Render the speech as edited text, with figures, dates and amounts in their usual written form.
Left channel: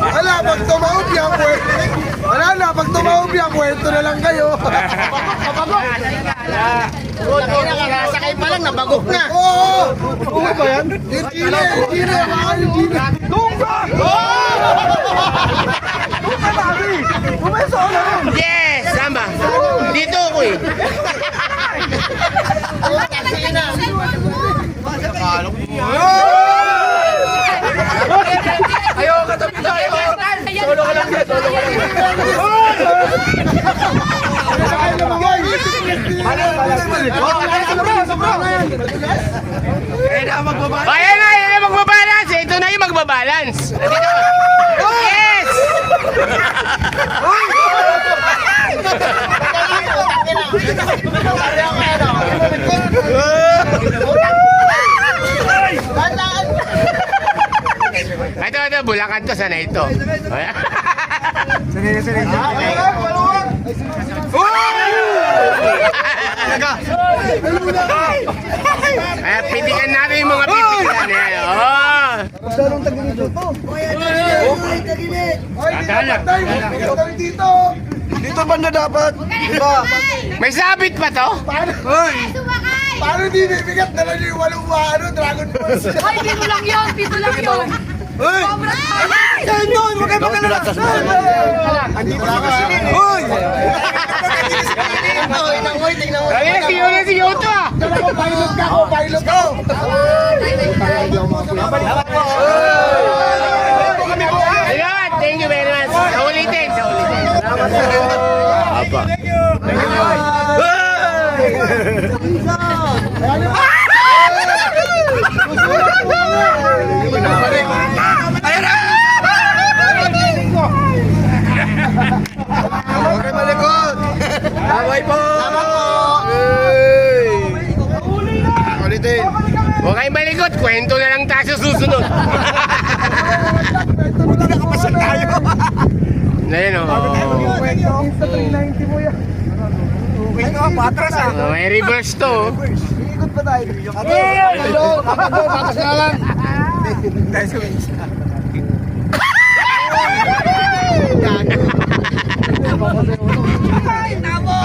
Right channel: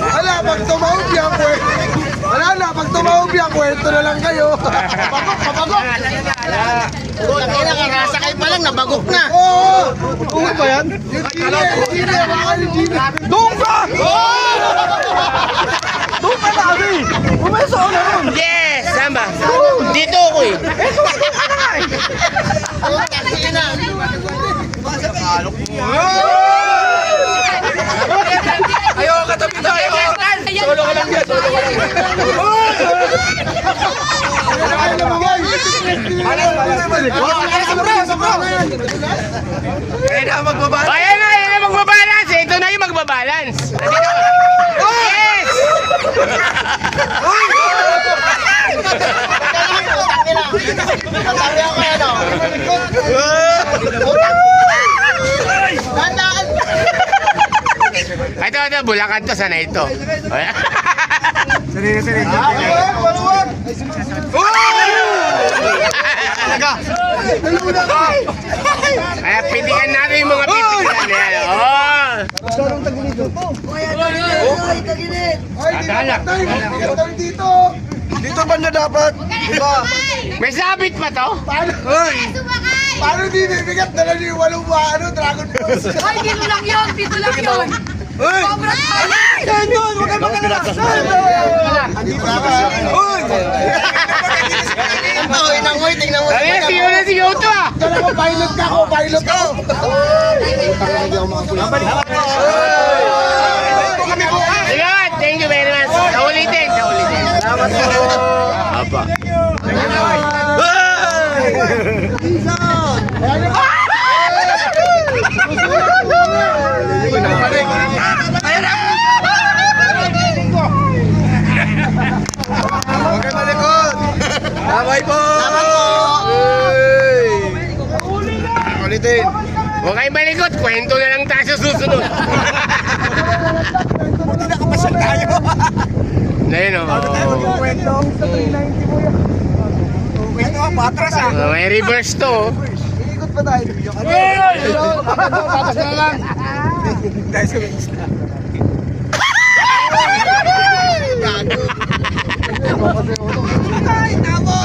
Wala, pag tumawag yan, wala na, pag tumawag yan, puwerto na lang kayo. Sakay pa lang, nabagok na. Oo! Tungo ba yan? Gine, baka yung Gine. Tunga! Tunga kami! Umesa ko na yun! Yes! Samba! Dito ako eh. Ayaw ka tabi tayo! Solo ka lang yan! Solo ka lang yan! Ayan na magbabalance. Ito na yung magbabalance. Yes! Ito, Bulacan to. Sana ito. Sanay. Kaya pilihan natin yung mga pipilihan. Oh! Dito banda dapat. May sabit pa to? Paano di bibigat na lang yung walong Dragon Balls? Ay, dito lang yun! Dito lang yun! Hoy! Saan yun? Huwag kayo magkalala! Hoy! Ay, siyo to ah! Pilot ka ako! Pilot ka! Babalik pa ako! Ito kami bukas! Sige, thank you very much. Sa ulitin. Salamat po! Apa. Thank okay, malikot! Bye po! Ulitin! Huwag kayong malikot. Kwento na lang tayo sa susunod. Hindi nakapasal tayo! Ayun o. Kwento sa 390 mo yan. Okay na, patras ah! May reverse to. Ikot pa tayo. Ate, patas na lang. Dahil sa isla. Ay, tamo!